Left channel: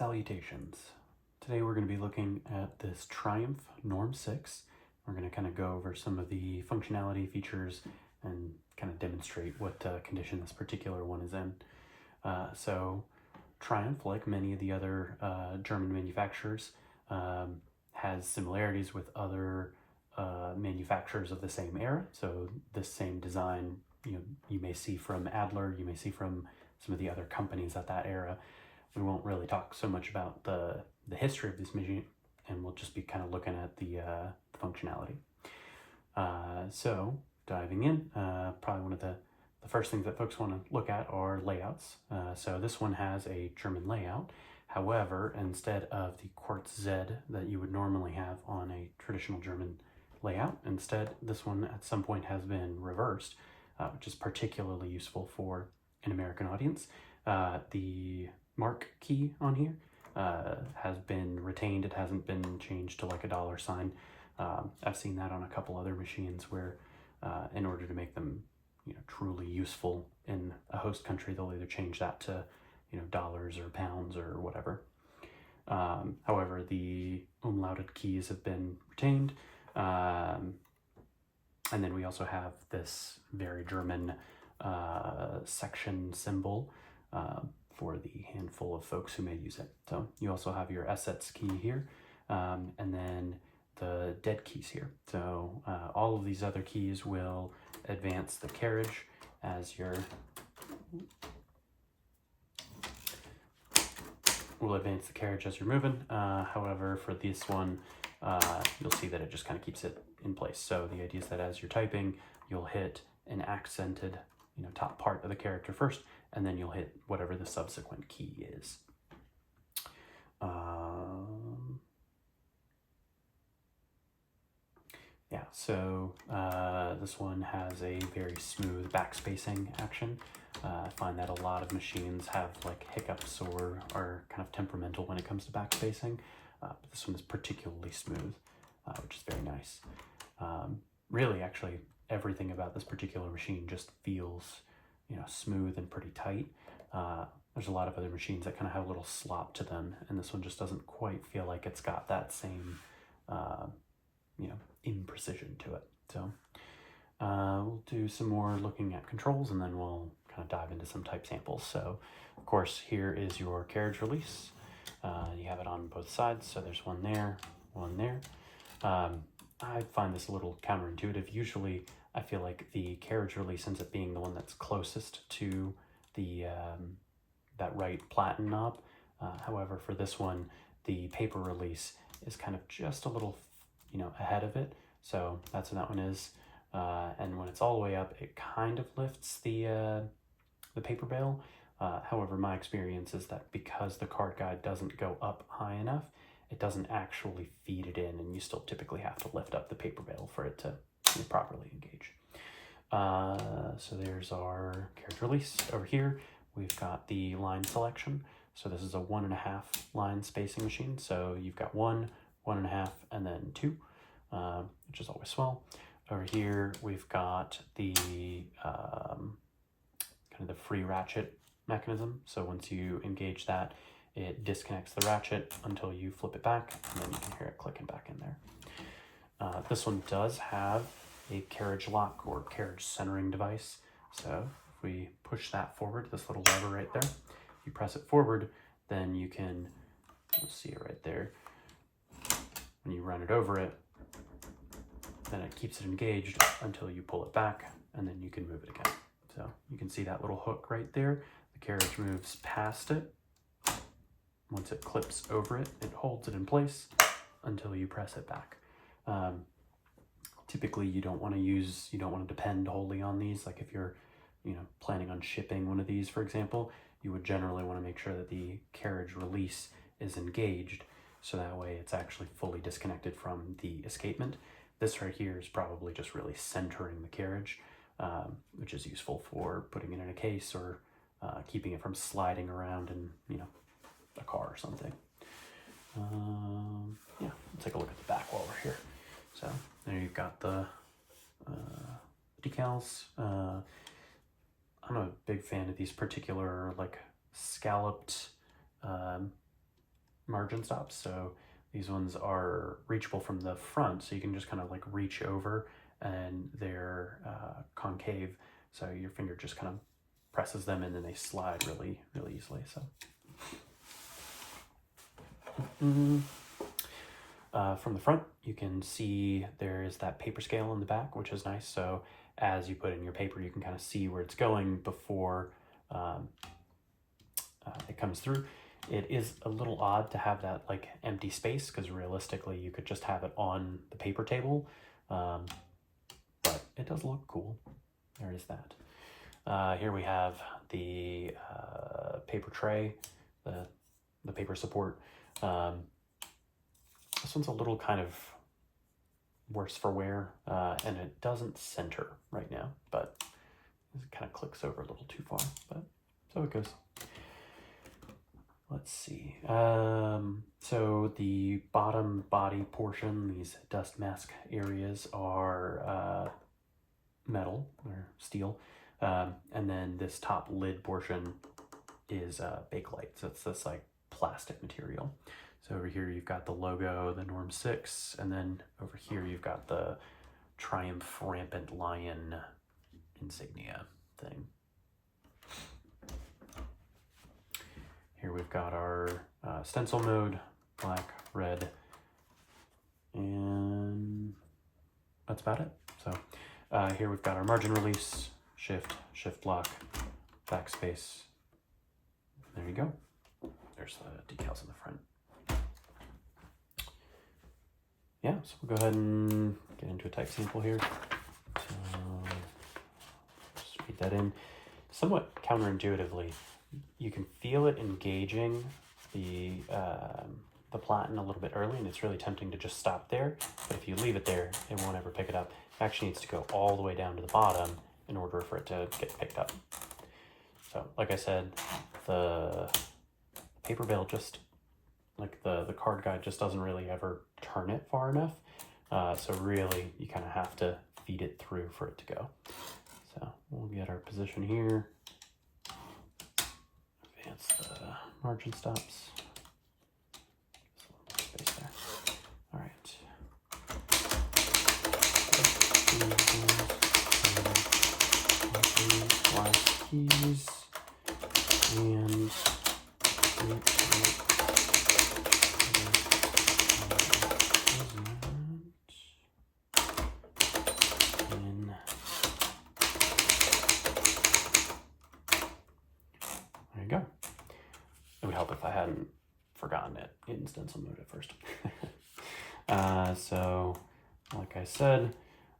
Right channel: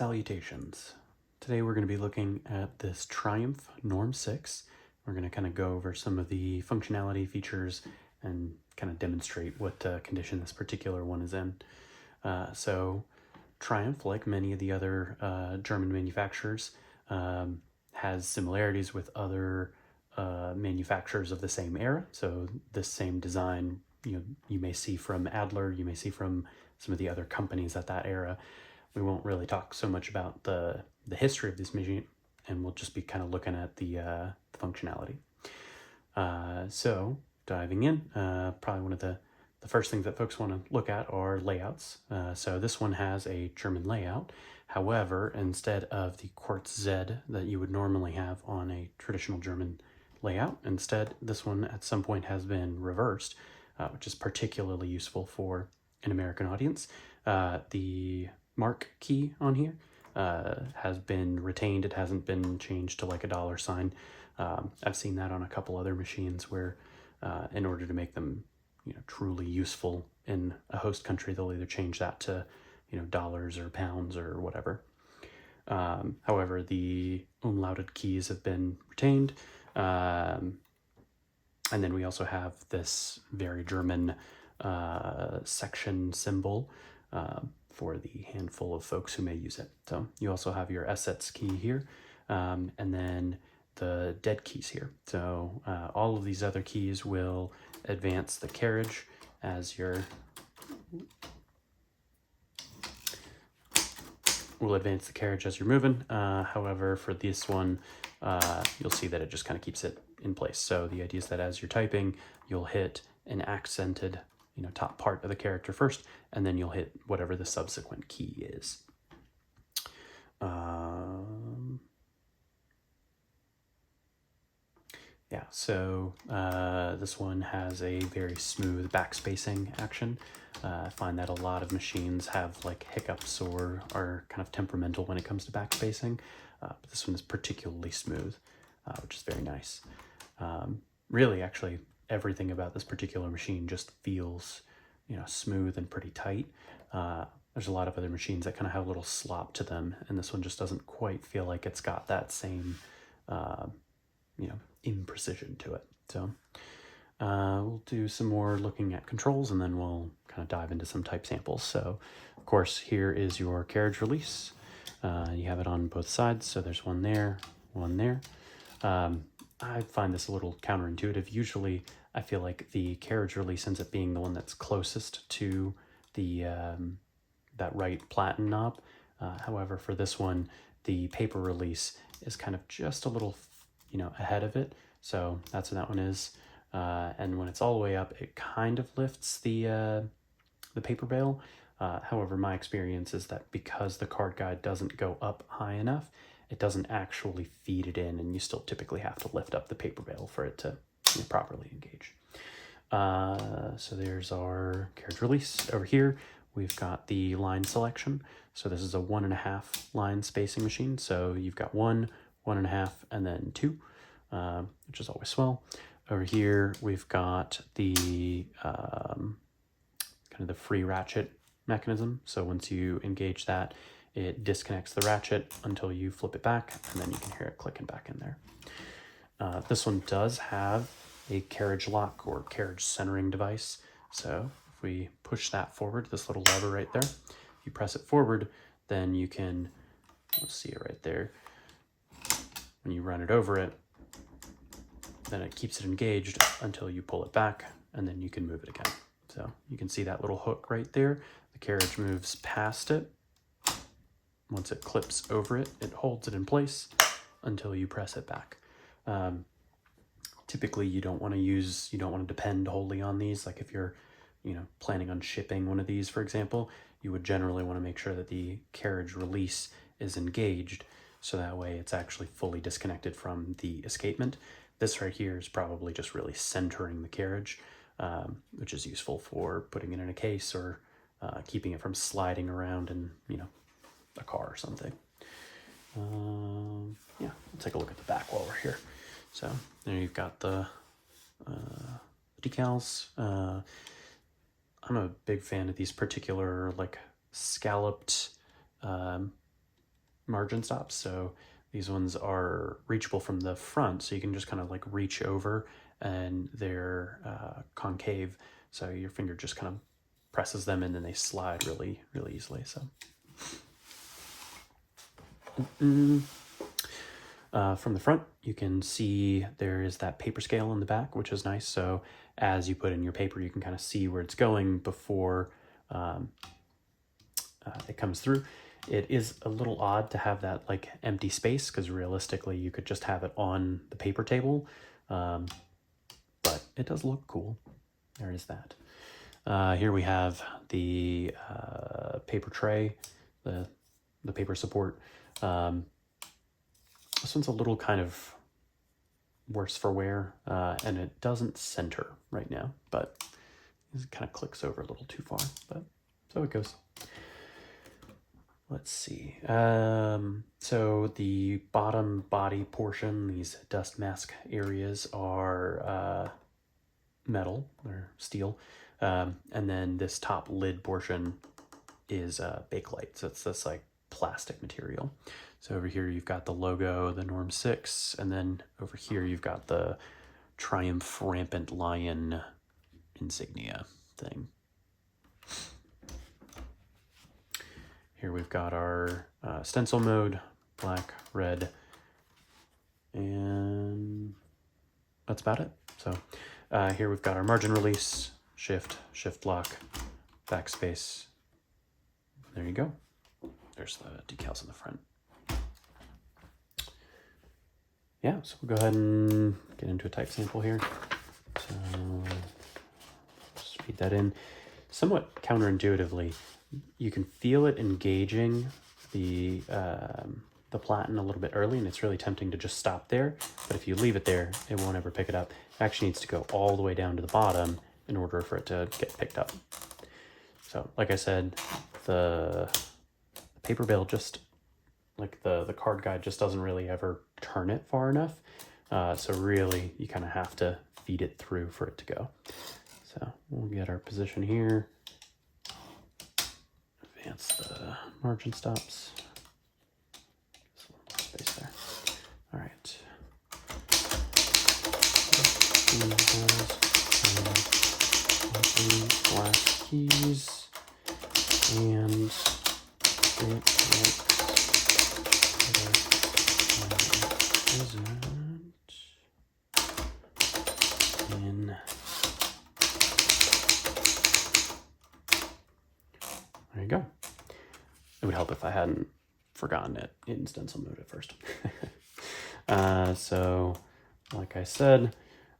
Salutations. Today we're going to be looking at this Triumph Norm 6. We're going to kind of go over some of the functionality features and kind of demonstrate what condition this particular one is in. So Triumph, like many of the other German manufacturers, has similarities with other manufacturers of the same era. So this same design, you may see from Adler, you may see from some of the other companies at that era. We won't really talk so much about the history of this machine, and we'll just be kind of looking at the functionality. So diving in, probably one of the first things that folks want to look at are layouts. So this one has a German layout. However, instead of the Quartz Z that you would normally have on a traditional German layout, instead this one at some point has been reversed, which is particularly useful for an American audience. The mark key on here has been retained. It hasn't been changed to like a dollar sign. I've seen that on a couple other machines where in order to make them truly useful in a host country, they'll either change that to dollars or pounds or whatever. However, the umlauted keys have been retained, and then we also have this very German section symbol for the handful of folks who may use it. So you also have your assets key here, and then the dead keys here. So all of these other keys will advance the carriage as you're moving. However, for this one, you'll see that it just kind of keeps it in place. So the idea is that as you're typing, you'll hit an accented top part of the character first, and then you'll hit whatever the subsequent key is. So this one has a very smooth backspacing action. I find that a lot of machines have like hiccups or are kind of temperamental when it comes to backspacing. But this one is particularly smooth, which is very nice. Really, actually, everything about this particular machine just feels, smooth and pretty tight. There's a lot of other machines that kind of have a little slop to them, and this one just doesn't quite feel like it's got that same, imprecision to it. So we'll do some more looking at controls, and then we'll kind of dive into some type samples. So, of course, here is your carriage release. You have it on both sides, so there's one there, one there. I find this a little counterintuitive. Usually, I feel like the carriage release ends up being the one that's closest to the that right platen knob. However, for this one, the paper release is kind of just a little, ahead of it. So that's what that one is. And when it's all the way up, it kind of lifts the paper bail. However, my experience is that because the card guide doesn't go up high enough, it doesn't actually feed it in, and you still typically have to lift up the paper bail for it to properly engage. So there's our carriage release. Over here, we've got the line selection. So this is a 1.5 line spacing machine. So you've got 1, 1.5, and then 2, which is always swell. Over here, we've got the kind of the free ratchet mechanism. So once you engage that, it disconnects the ratchet until you flip it back, and then you can hear it clicking back in there. This one does have a carriage lock or carriage centering device. So if we push that forward, this little lever right there, if you press it forward, then you can, see it right there. When you run it over it, then it keeps it engaged until you pull it back, and then you can move it again. So you can see that little hook right there. The carriage moves past it. Once it clips over it, it holds it in place until you press it back. Typically, you don't want to depend wholly on these. Like if you're, planning on shipping one of these, for example, you would generally want to make sure that the carriage release is engaged, so that way it's actually fully disconnected from the escapement. This right here is probably just really centering the carriage, which is useful for putting it in a case or keeping it from sliding around in, a car or something. We'll take a look at the back while we're here. So there you've got the decals. I'm a big fan of these particular like scalloped margin stops. So these ones are reachable from the front, so you can just kind of like reach over, and they're concave, so your finger just kind of presses them in and they slide really, really easily. So from the front, you can see there is that paper scale in the back, which is nice. So as you put in your paper, you can kind of see where it's going before it comes through. It is a little odd to have that like empty space, because realistically you could just have it on the paper table, but it does look cool. There is that. Here we have the paper tray, the paper support. This one's a little kind of worse for wear, and it doesn't center right now, but it kind of clicks over a little too far, but so it goes. Let's see. So the bottom body portion, these dust mask areas, are metal or steel, and then this top lid portion is Bakelite. So it's this like plastic material. So over here you've got the logo, the Norm 6, and then over here you've got the Triumph Rampant Lion insignia thing. Here we've got our stencil mode, black, red, and that's about it. So here we've got our margin release, shift lock, backspace. There you go. There's the decals in the front. Yeah, so we'll go ahead and get into a type sample here. So just feed that in. Somewhat counterintuitively, you can feel it engaging the platen a little bit early, and it's really tempting to just stop there. But if you leave it there, it won't ever pick it up. It actually needs to go all the way down to the bottom in order for it to get picked up. So, like I said, the paper bail just, like the card guide just doesn't really ever turn it far enough. So really, you kind of have to feed it through for it to go. So we'll get our position here. Advance the margin stops. Space there. All right. Black keys and there you go. It would help if I hadn't forgotten it in stencil mode at first. So like I said,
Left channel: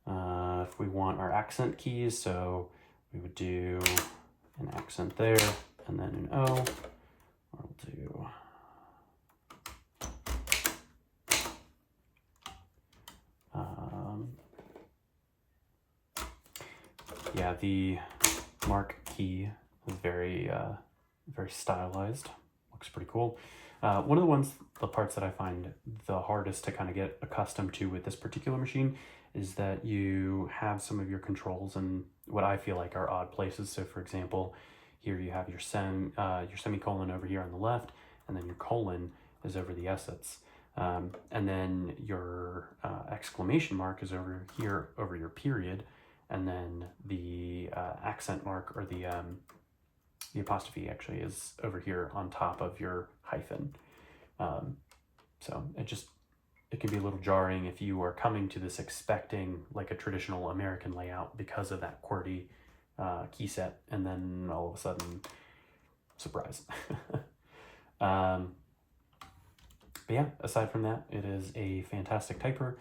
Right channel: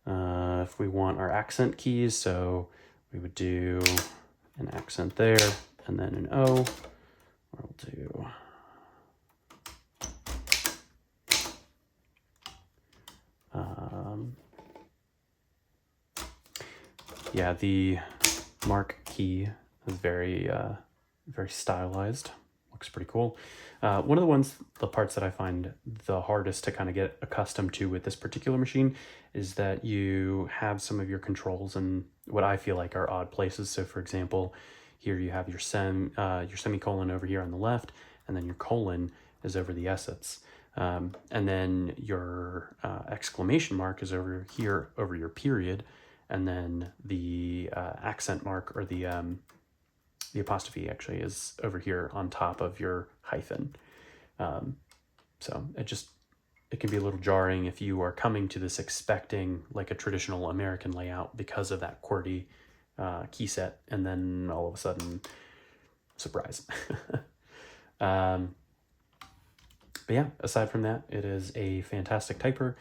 if we want our accent keys, so we would do an accent there and then an O. We'll do yeah, the mark key is very stylized. Looks pretty cool. One of the parts that I find the hardest to kind of get accustomed to with this particular machine is that you have some of your controls in what I feel like are odd places. So for example, here you have your semicolon over here on the left, and then your colon is over the essence. And then your exclamation mark is over here over your period, and then the accent mark, or the apostrophe actually, is over here on top of your hyphen. So it can be a little jarring if you are coming to this expecting like a traditional American layout because of that QWERTY key set, and then all of a sudden, surprise. But yeah, aside from that, it is a fantastic typer.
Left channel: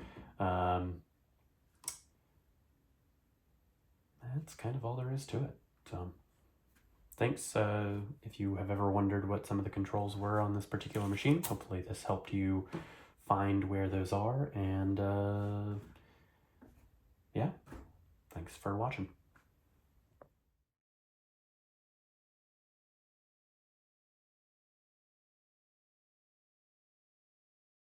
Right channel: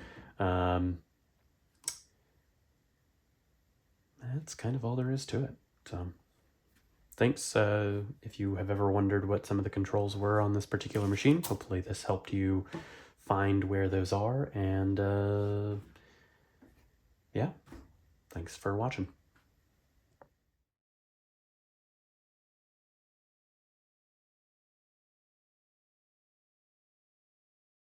That's kind of all there is to it. So thanks. If you have ever wondered what some of the controls were on this particular machine, hopefully this helped you find where those are. And yeah, thanks for watching.